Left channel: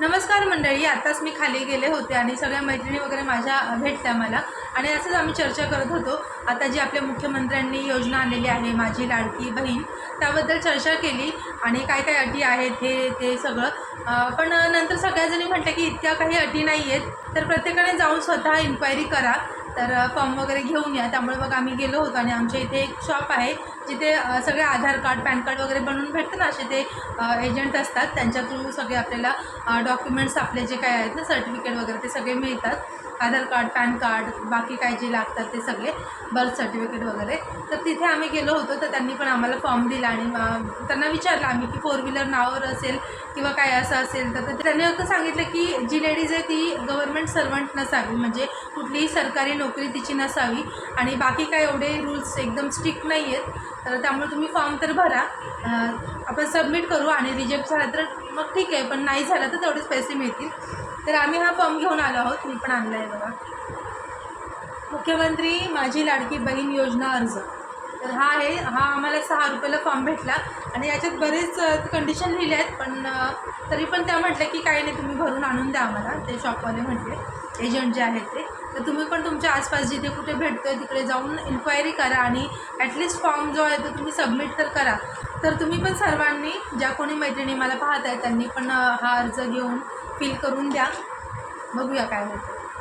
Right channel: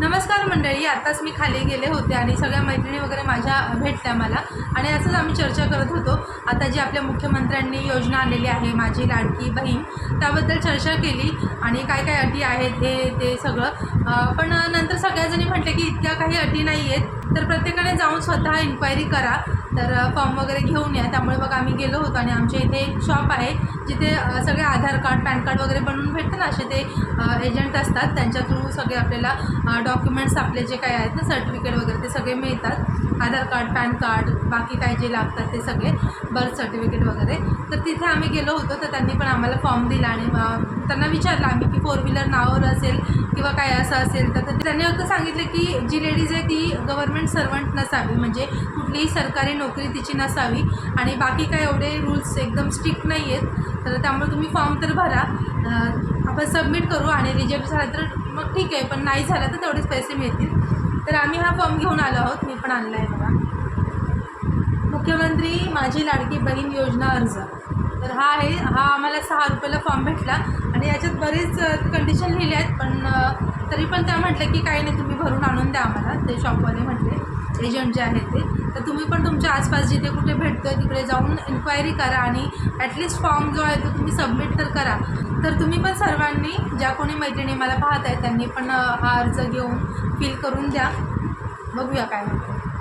नमस्कार मंडळी आत्ताच मी खाली गेले होते आणि सगळ्या मैत्रिणी वगैरे माझ्या भेटल्या मला. आणि असंच आम्ही चर्चा करत होतो. आता जी आपल्या मुख्यमंत्र्यांनी योजना आणलेली आहे माझी लाडकी बहीण त्याबद्दल चर्चा केली आणि काय काय अटी आहेत हे ते सगळं. पण नंतर सगळ्याजणी म्हटलं की इतक्या काही अटी नाही आहेत तर प्रत्येकाने जाऊन स्वतः इन्क्वायरी करा. तर फॉर्म वगैरे घेऊन या. त्यामुळे मग आम्ही गेलो होतो आणि आमच्या इथे एक शॉप आहे जिथे सगळे आधार कार्ड पॅन कार्ड वगैरे बनवून भेटतं ना असे ते एजंट असतात. त्यांच्या थ्रू सगळे आपल्याला डॉक्युमेंट्स आपले जे काय आहेत ना सर्टिफिकेट वगैरे ते सगळे मिळतात. आधार कार्ड पॅन कार्ड बाकी काय जे लागतात ते सगळे बर्थ सर्टिफिकेट वगैरे. तर तिथे आम्ही गेलो होतो तर त्यांनी पण आम्हाला फॉर्म दिला आणि त्यांना विचारलं आम्ही की फोर व्हीलर नावावर असेल किंवा काय असं असेल तर त्यांनी फक्त सांगितलं की जी लेडीज आहे ती गव्हर्नमेंट सर्वंट नसावी. म्हणजे कुठलीही सरकारी नोकरी तिची नसावी. आणि बाकी काय एवढे रूल्स एकदम स्ट्रिक्ट नाही आहेत तर त्यामुळे तुम्ही फॉर्म तर भरा. आपण सबमिट करू आणि रिजेक्ट झाला तर मग ठीक आहे पण नाही झाला तर तेवढेच पैसे मिळतील. तर आम्ही हा फॉर्म घेऊन आलो आहोत. मी पण आणला आहे बघा. मुख्यमंत्री माझी लाडकी बहीण योजना अर्ज. तर हा आहे हा आम्हाला सहा रुपयाला फॉर्म भेटला आणि याच्यात बरेच कंडिशन लिहिले आहेत पण तरी पण त्या म्हटलं की काही नाही तुम्ही भरून आणून द्या आम्हाला. ते शॉपवाले म्हटले एजंट जे आहेत ते. तर तुम्ही पण तुमच्या आसपास जिथे कुठे भेटतं तिकडे जाऊन इन्क्वायरी करा आणि ॲटलिस्ट फॉर्म जो आहे तो तुम्ही सबमिट तर करा. तर तुम्ही पण सर्वांनी ज्या कोणी मैत्रिणी मला पाहत आहेत त्यांनी पण हा अर्ज घेऊन फिल करून द्या. बघूया काय होतं.